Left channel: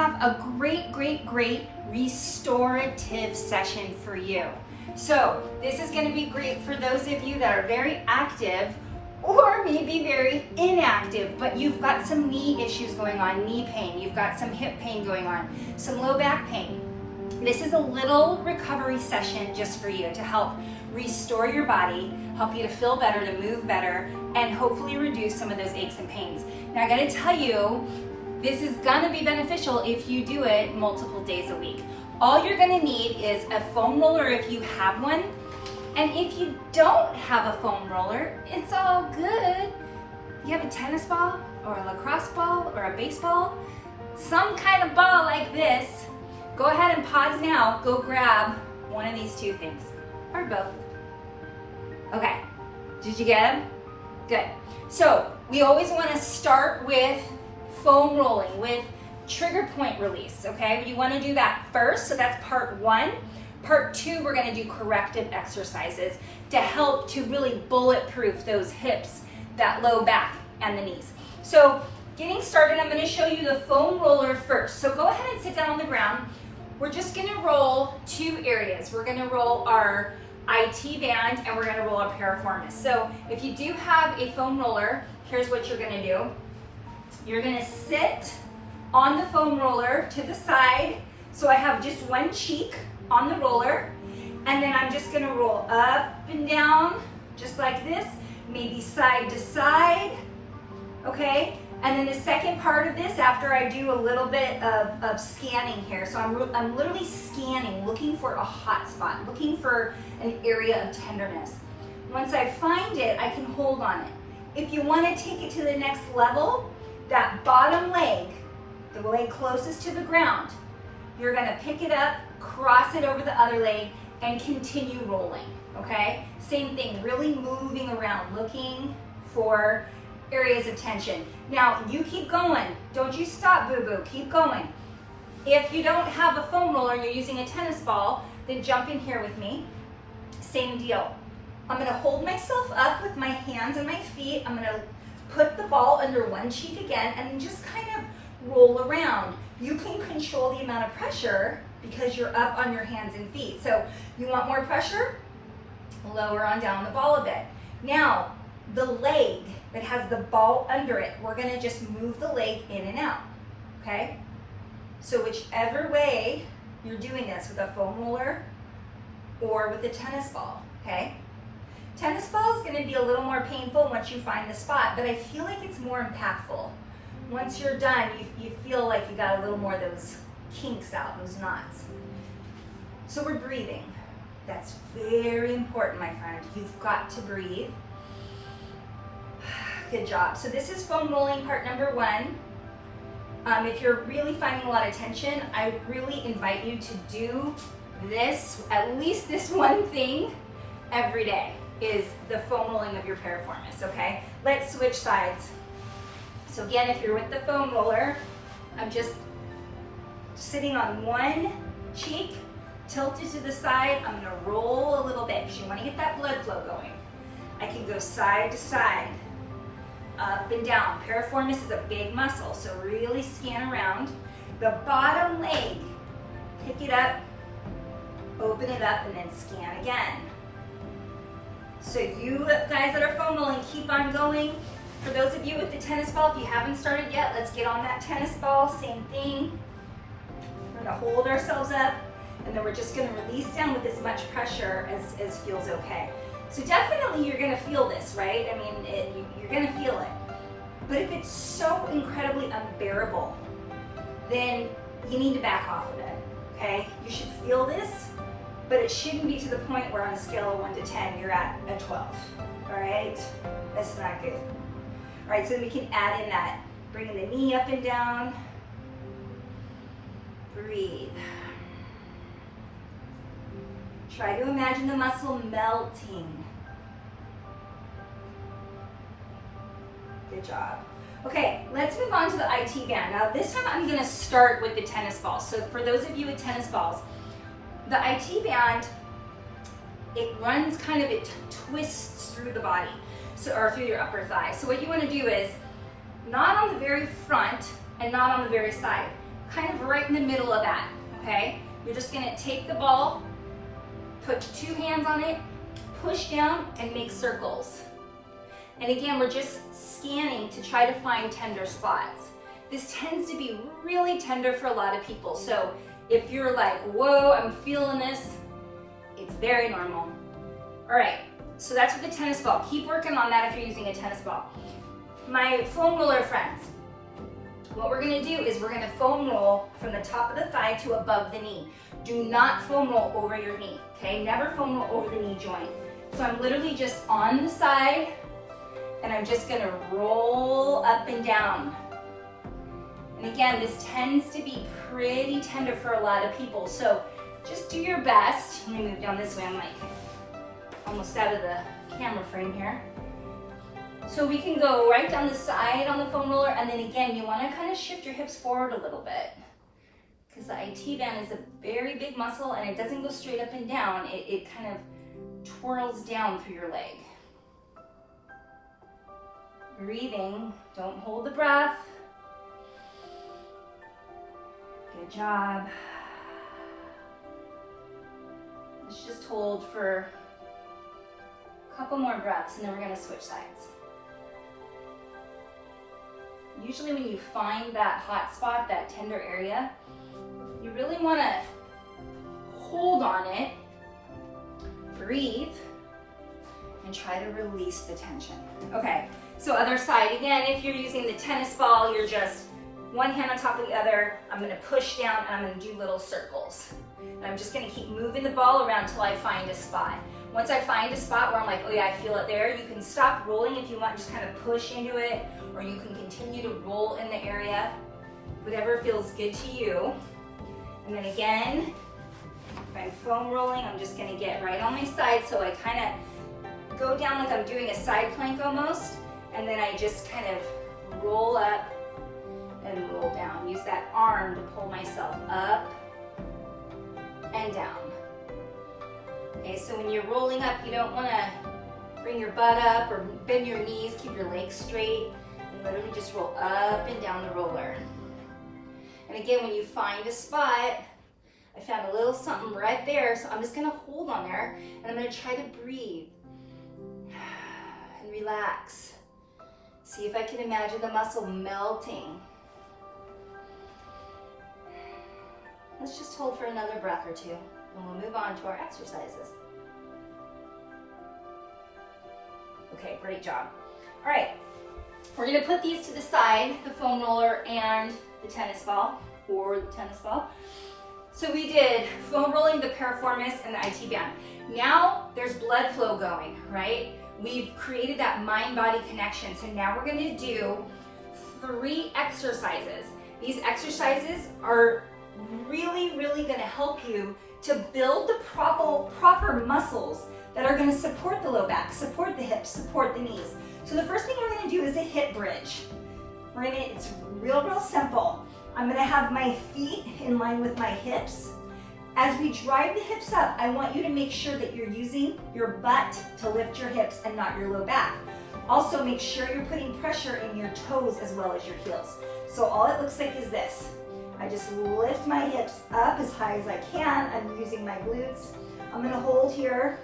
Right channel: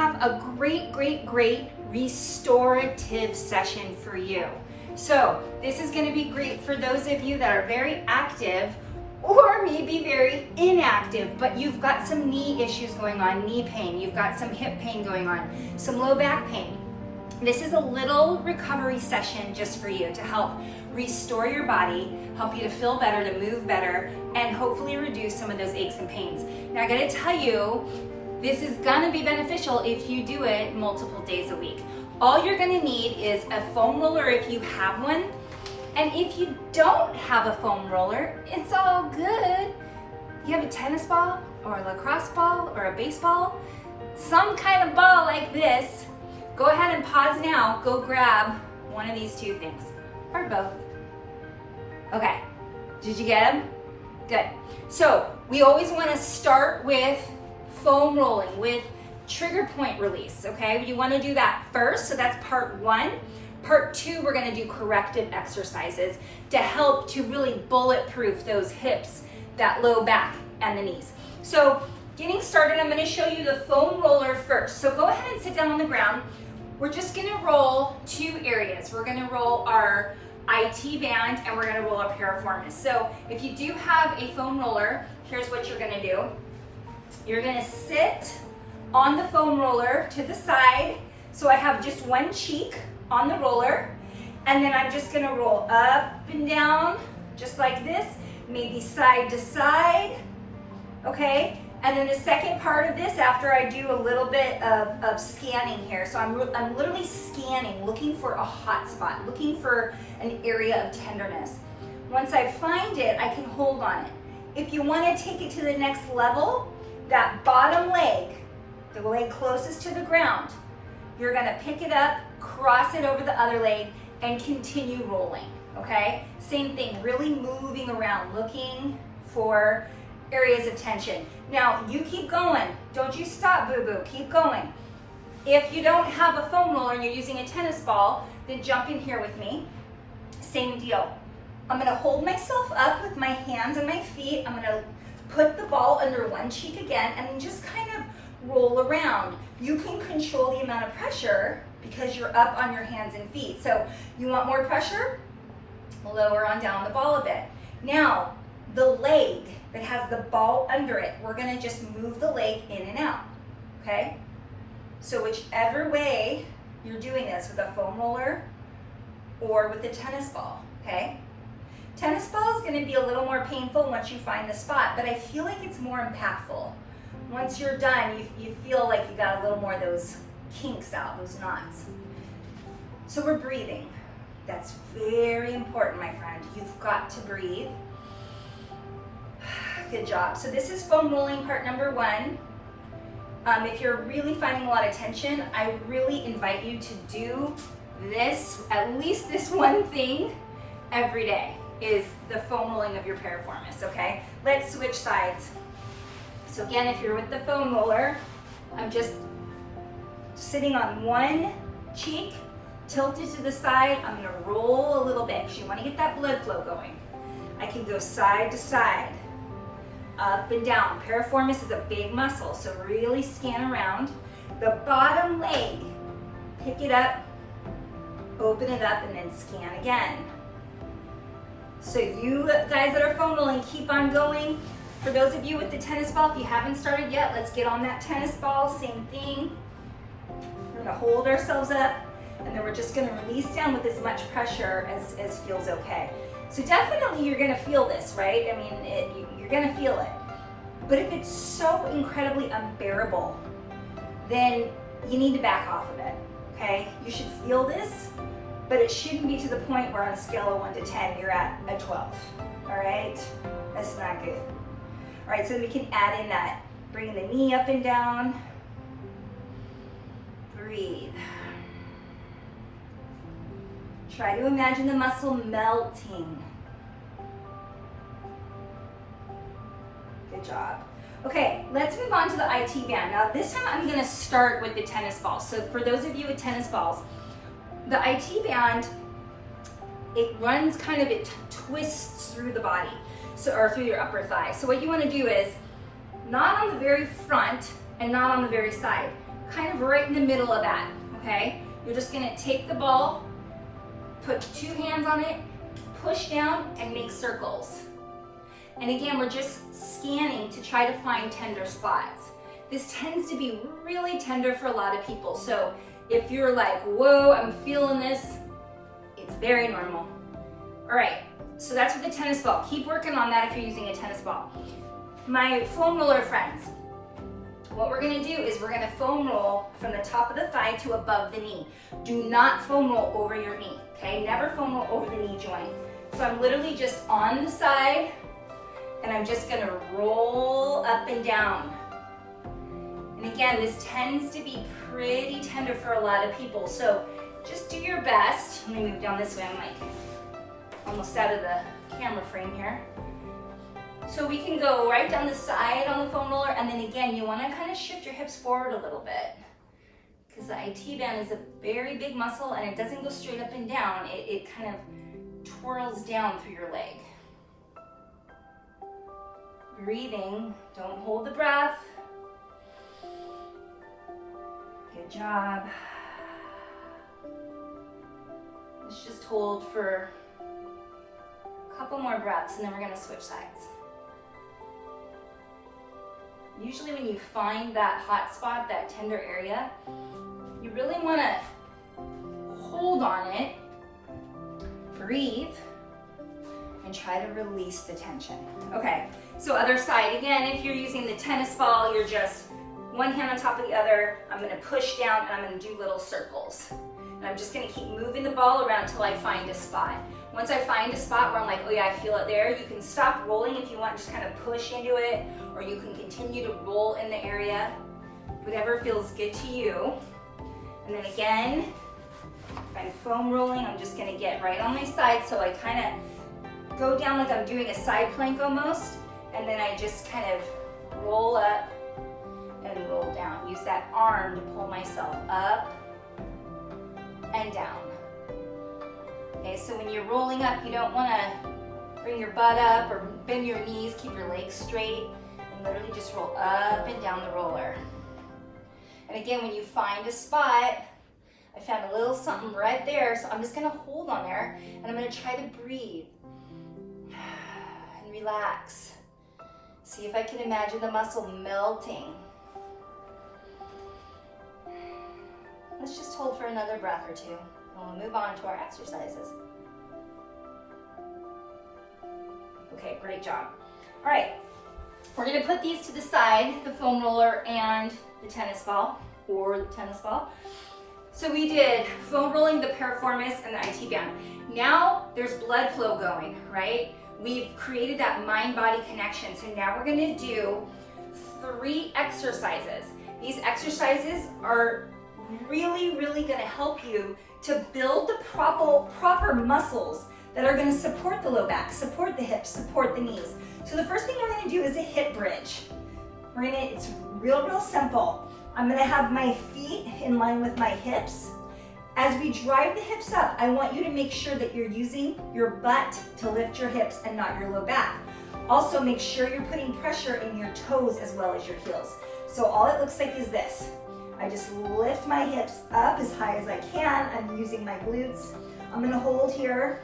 have a great restorative session for you. So this is going to be great for those of you that are very active or maybe very inactive, but you've got some knee issues going on, knee pain, you've got some hip pain going on, some low back pain. This is a little recovery session just for you to help restore your body, help you to feel better, to move better, and hopefully reduce some of those aches and pains. Now I gotta tell you, this is gonna be beneficial if you do it multiple days a week. All you're gonna need is a foam roller if you have one, and if you don't have a foam roller, it's all good. You have a tennis ball or a lacrosse ball or a baseball, some kind of ball like this, go ahead and pause now, go grab one of these two things, or both. Okay, did you get them? Good. So we always wanna start with foam rolling, with trigger point release, okay? You wanna do that first, so that's part one. Part two, we're gonna do corrective exercises to help to really bulletproof those hips, that low back, and the knees. So getting started, I'm gonna show you the foam roller first. So go ahead and sit down on the ground. We're just gonna roll two areas. We're gonna roll our IT band and we're gonna roll our piriformis. So if you do have a foam roller, here's what you're gonna do. You're gonna sit on the foam roller to the side. So I have just one cheek on the roller, and then I'm just gonna roll up and down, just like this, maybe side to side, okay? And then the second part of this, after I do a little bit of scanning here, so I'm literally scanning, looking for a hot spot, looking for an area of tenderness. Once I find it, I can hold on it. If you wanna take it to the next level, that bottom leg, the leg closest to the ground, you're gonna pick it up, cross it over the other leg, and continue rolling, okay? Same thing, really moving around, looking for areas of tension. Now, you keep going. Don't you stop, boo-boo, keep going. If you don't have a foam roller and you're using a tennis ball, then jump in here with me. Same deal. I'm gonna hold myself up with my hands and my feet. I'm gonna put the ball under one cheek again and then just kind of roll around. You can control the amount of pressure because you're up on your hands and feet. So you want more pressure? Lower on down the ball a bit. Now, the leg that has the ball under it, we're gonna just move the leg in and out, okay? So whichever way you're doing this, with a foam roller or with a tennis ball, okay? Tennis ball is gonna be a little more painful once you find the spot, but I feel like it's more impactful. Once you're done, you feel like you got a little more of those kinks out, those knots. So we're breathing. That's very important, my friend. You've got to breathe. Good job. So this is foam rolling part number one. If you're really finding a lot of tension, I really invite you to do this, at least this one thing every day, is the foam rolling of your piriformis, okay? Let's switch sides. So again, if you're with the foam roller, I'm just sitting on one cheek, tilted to the side. I'm gonna roll a little bit because you wanna get that blood flow going. I can go side to side, up and down. Piriformis is a big muscle, so really scan around. The bottom leg, pick it up, open it up, and then scan again. So you guys that are foam rolling, keep on going. For those of you with the tennis ball, if you haven't started yet, let's get on that tennis ball, same thing. We're gonna hold ourselves up, and then we're just gonna release down with as much pressure as feels okay. So definitely you're gonna feel this, right? I mean, you're gonna feel it. But if it's so incredibly unbearable, then you need to back off of it, okay? You should feel this, but it shouldn't be to the point where on a scale of 1 to 10, you're at a 12, all right? That's not good. All right, so we can add in that, bringing the knee up and down. Breathe. Try to imagine the muscle melting. Good job. Okay, let's move on to the IT band. Now this time I'm gonna start with the tennis ball. So for those of you with tennis balls, the IT band, it runs kind of, it twists through the body, so, or through your upper thigh. So what you wanna do is, not on the very front and not on the very side, kind of right in the middle of that, okay? You're just gonna take the ball, put 2 hands on it, push down, and make circles. And again, we're just scanning to try to find tender spots. This tends to be really tender for a lot of people. So if you're like, whoa, I'm feeling this, it's very normal. All right, so that's with the tennis ball. Keep working on that if you're using a tennis ball. My foam roller friends, what we're gonna do is we're gonna foam roll from the top of the thigh to above the knee. Do not foam roll over your knee, okay? Never foam roll over the knee joint. So I'm literally just on the side, and I'm just gonna roll up and down. And again, this tends to be pretty tender for a lot of people, so just do your best. Let me move down this way, I'm like almost out of the camera frame here. So we can go right down the side on the foam roller, and then again, you wanna kind of shift your hips forward a little bit, because the IT band is a very big muscle and it doesn't go straight up and down, it kind of twirls down through your leg. Breathing, don't hold the breath. Good job. Let's just hold for a couple more breaths and then we're gonna switch sides. Usually when you find that hot spot, that tender area, you really wanna hold on it, breathe, and try to release the tension. Okay, so other side. Again, if you're using the tennis ball, you're just one hand on top of the other. I'm gonna push down and I'm gonna do little circles. And I'm just gonna keep moving the ball around till I find a spot. Once I find a spot where I'm like, oh yeah, I feel it there, you can stop rolling if you want, just kind of push into it, or you can continue to roll in the area, whatever feels good to you. And then again, if I'm foam rolling, I'm just gonna get right on my side, so I kind of go down like I'm doing a side plank almost, and then I just kind of roll up and roll down. Use that arm to pull myself up and down. Okay, so when you're rolling up, you don't want to bring your butt up or bend your knees, keep your legs straight, and literally just roll up and down the roller. And again, when you find a spot, I found a little something right there, so I'm just gonna hold on there, and I'm gonna try to breathe and relax. See if I can imagine the muscle melting. Let's just hold for another breath or two, and we'll move on to our exercises. Okay, great job. All right, we're gonna put these to the side, the foam roller and the tennis ball, or the tennis ball. So we did foam rolling, the piriformis, and the IT band. Now there's blood flow going, right? We've created that mind-body connection. So now we're gonna do 3 exercises. These exercises are really, really gonna help you to build the proper muscles that are gonna support the low back, support the hips, support the knees. So the first thing we're gonna do is a hip bridge. It's real simple. I'm gonna have my feet in line with my hips. As we drive the hips up, I want you to make sure that you're using your butt to lift your hips and not your low back. Also, make sure you're putting pressure in your toes as well as your heels. So all it looks like is this. I just lift my hips up as high as I can. I'm using my glutes. I'm gonna hold here,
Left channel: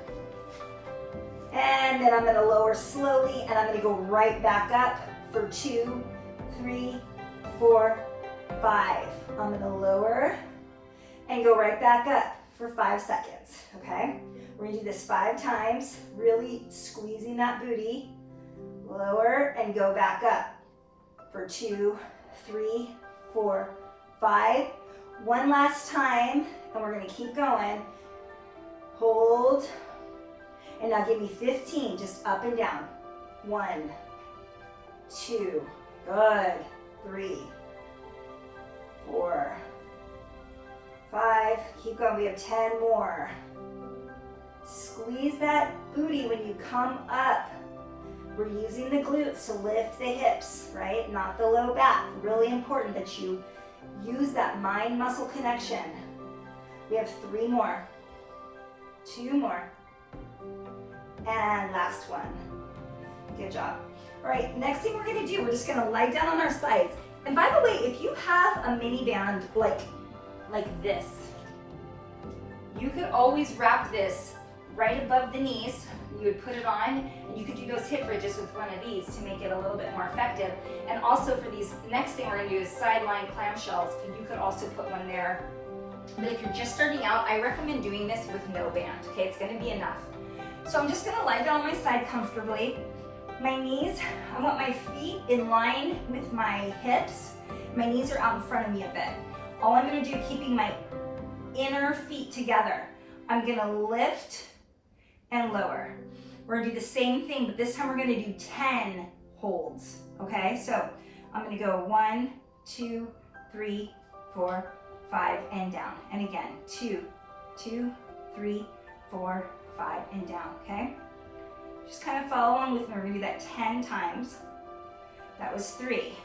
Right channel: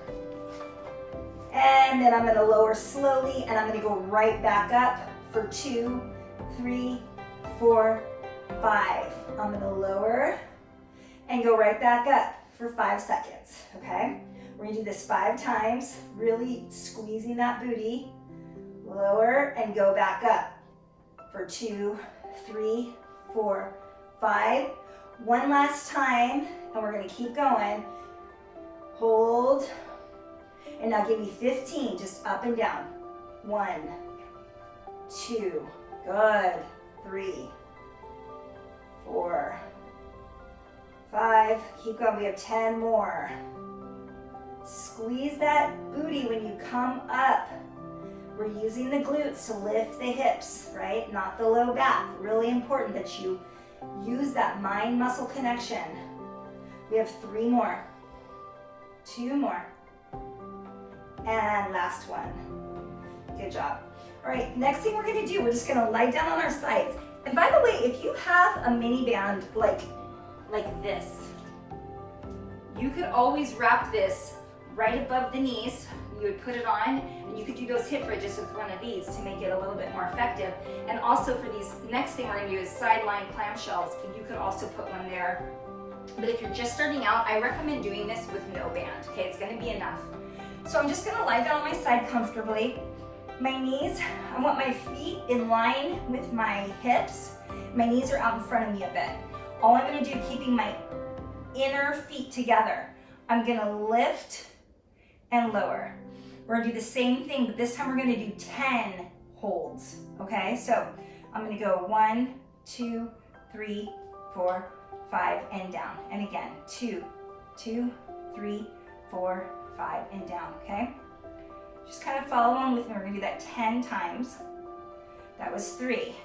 and then I'm gonna lower slowly, and I'm gonna go right back up for 2, 3, 4, 5. I'm gonna lower and go right back up for 5 seconds, okay? We're gonna do this 5 times, really squeezing that booty. Lower and go back up for 2, 3, 4, 5. One last time, and we're gonna keep going. Hold, and now give me 15, just up and down. 1, 2, good. 3, 4, 5, keep going, we have 10 more. Squeeze that booty when you come up. We're using the glutes to lift the hips, right? Not the low back. Really important that you use that mind-muscle connection. We have 3 more, 2 more, and last one. Good job. All right, next thing we're gonna do, we're just gonna lie down on our sides. And by the way, if you have a mini band like this, you could always wrap this right above the knees. You would put it on, and you could do those hip bridges with one of these to make it a little bit more effective. And also for these, next thing we're gonna do is sideline clamshells. You could also put one there. But if you're just starting out, I recommend doing this with no band, okay? It's gonna be enough. So I'm just gonna lie down on my side comfortably. My knees, I want my feet in line with my hips. My knees are out in front of me a bit. All I'm gonna do, keeping my inner feet together, I'm gonna lift and lower. We're gonna do the same thing, but this time we're gonna do 10 holds, okay? So I'm gonna go 1, 2, 3, 4, 5, and down. And again, 2, 2, 3, 4, 5, and down, okay? Just kind of follow along with me. We're gonna do that 10 times. That was 3.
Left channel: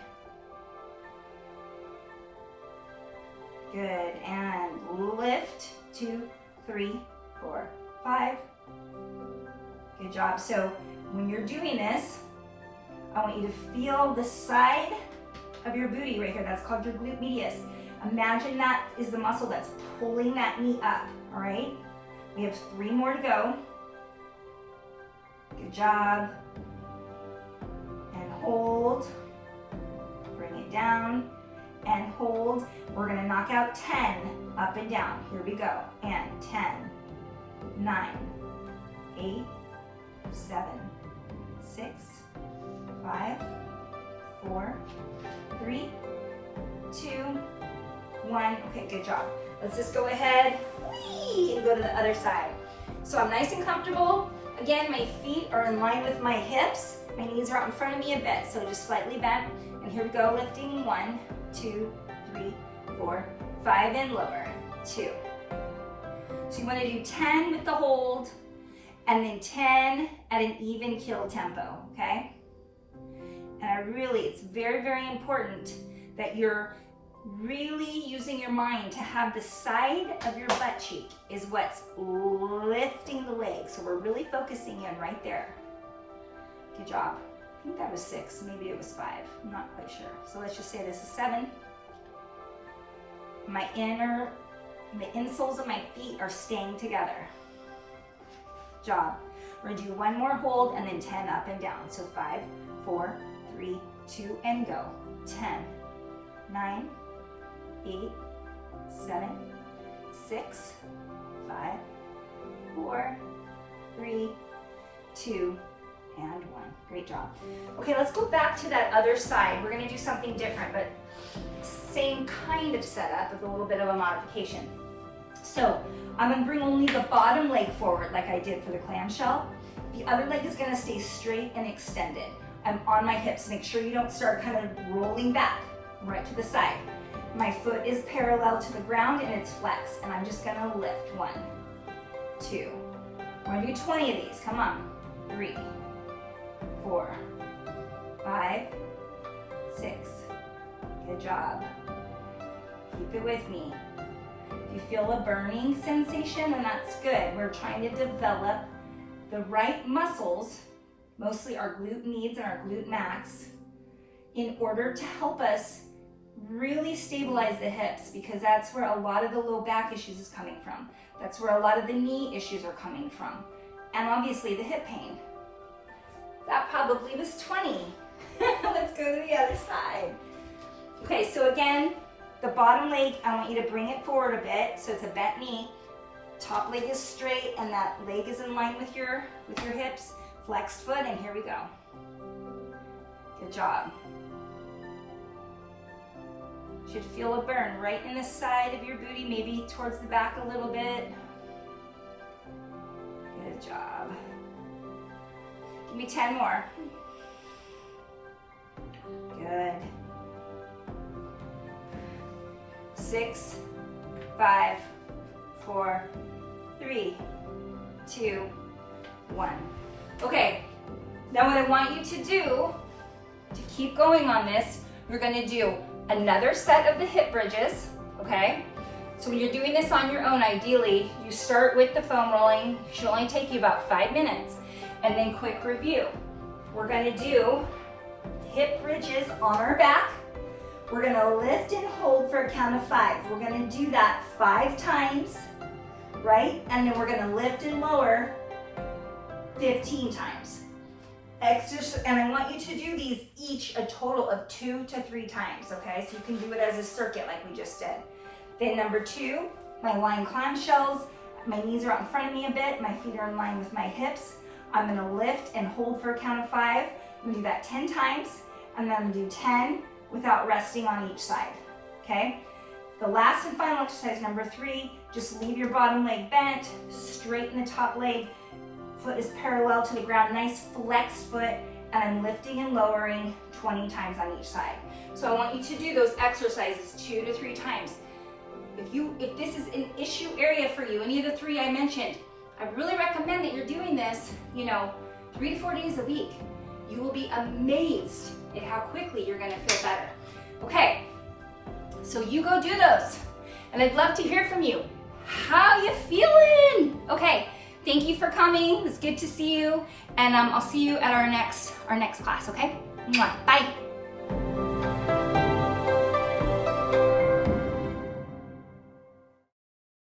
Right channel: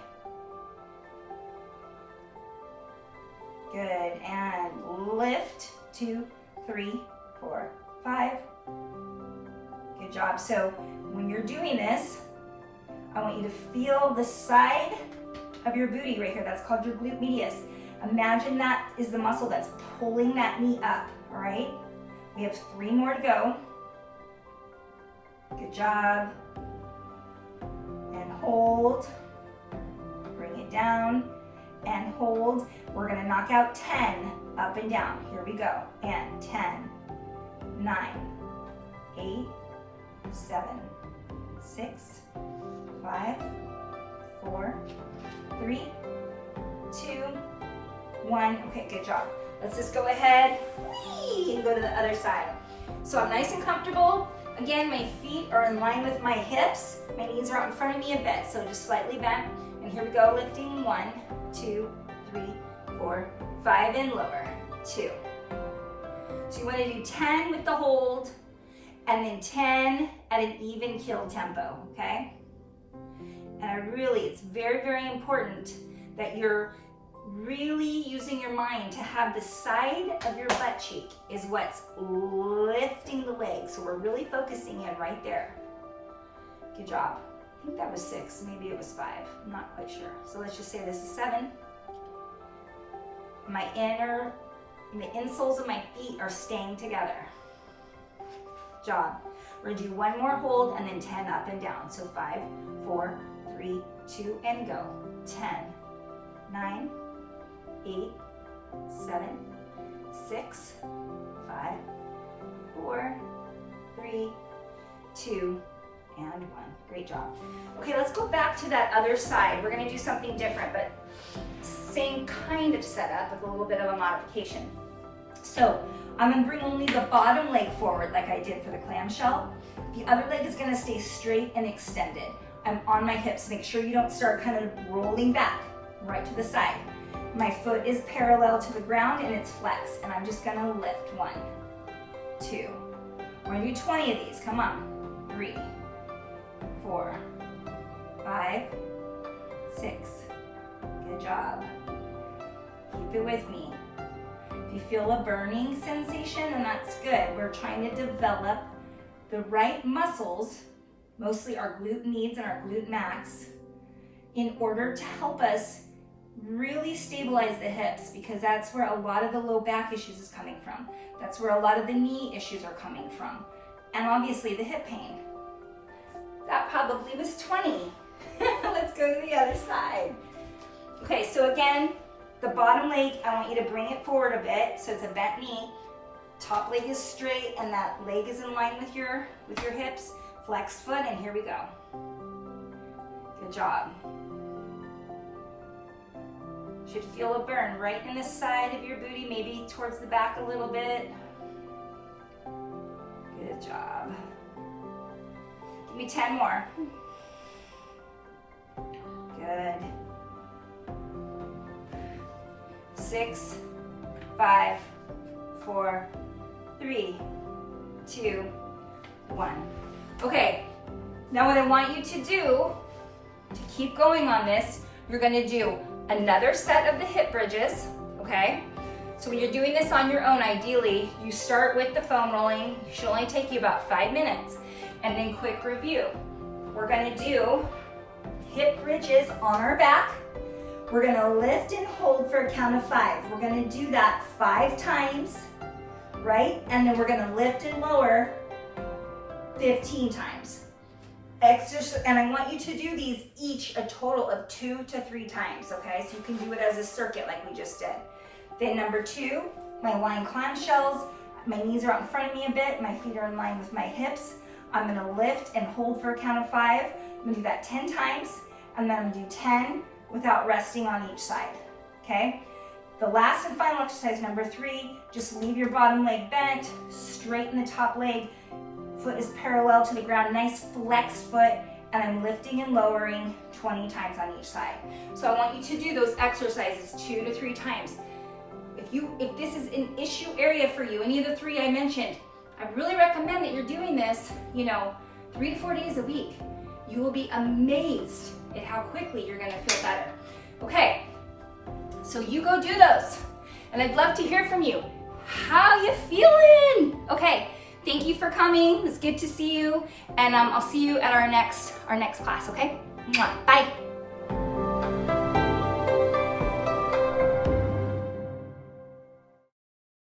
Good, and lift, 2, 3, 4, 5. Good job. So when you're doing this, I want you to feel the side of your booty right here. That's called your glute medius. Imagine that is the muscle that's pulling that knee up, all right? We have 3 more to go. Good job. And hold. Bring it down and hold. We're gonna knock out 10 up and down. Here we go. And 10, 9, 8, 7, 6, 5, 4, 3, 2, 1. Okay, good job. Let's just go ahead and go to the other side. So I'm nice and comfortable. Again, my feet are in line with my hips. My knees are out in front of me a bit, so just slightly bent. And here we go, lifting 1, 2, 3, 4, 5, and lower, 2. So you want to do 10 with the hold, and then 10 at an even keel tempo, okay? And it's very, very important that you're really using your mind to have the side of your butt cheek is what's lifting the leg. So we're really focusing in right there. Good job. I think that was 6, maybe it was 5. I'm not quite sure. So let's just say this is 7. The insoles of my feet are staying together. Job. We're gonna do 1 more hold and then 10 up and down. So 5, 4, 3, 2, and go. 10, 9, 8, 7, 6, 5, 4, 3, 2, and 1. Great job. Okay, let's go back to that other side. We're gonna do something different, but same kind of setup with a little bit of a modification. So I'm gonna bring only the bottom leg forward like I did for the clamshell. The other leg is gonna stay straight and extended. I'm on my hips. Make sure you don't start kind of rolling back right to the side. My foot is parallel to the ground and it's flexed, and I'm just gonna lift 1, 2. We're gonna do 20 of these, come on. 3, 4, 5, 6. Good job. Keep it with me. If you feel a burning sensation, then that's good. We're trying to develop the right muscles, mostly our glute medius and our glute max, in order to help us really stabilize the hips, because that's where a lot of the low back issues is coming from. That's where a lot of the knee issues are coming from. And obviously the hip pain. That probably was 20. Let's go to the other side. Okay, so again, the bottom leg, I want you to bring it forward a bit so it's a bent knee. Top leg is straight and that leg is in line with your hips. Flexed foot, and here we go. Good job. Should feel a burn right in the side of your booty, maybe towards the back a little bit. Good job. Give me 10 more. Good. 6, 5, 4, 3, 2, 1. Okay, now what I want you to do to keep going on this, you're gonna do another set of the hip bridges, okay? So when you're doing this on your own, ideally, you start with the foam rolling. It should only take you about 5 minutes. And then quick review. We're gonna do hip bridges on our back. We're gonna lift and hold for a count of 5. We're gonna do that 5 times, right? And then we're gonna lift and lower 15 times. And I want you to do these each a total of 2 to 3 times, okay? So you can do it as a circuit like we just did. Then number 2, my lying clamshells. My knees are out in front of me a bit. My feet are in line with my hips. I'm gonna lift and hold for a count of 5. I'm gonna do that 10 times, and then I'm gonna do 10 without resting on each side, okay? The last and final exercise, number 3, just leave your bottom leg bent, straighten the top leg, foot is parallel to the ground, nice flexed foot, and I'm lifting and lowering 20 times on each side. So I want you to do those exercises 2 to 3 times. If this is an issue area for you, any of the 3 I mentioned, I really recommend that you're doing this, 3 to 4 days a week. You will be amazed at how quickly you're gonna feel better. Okay, so you go do those. And I'd love to hear from you. How you feeling? Okay, thank you for coming. It's good to see you. And I'll see you at our next class, okay? Mwah. Bye.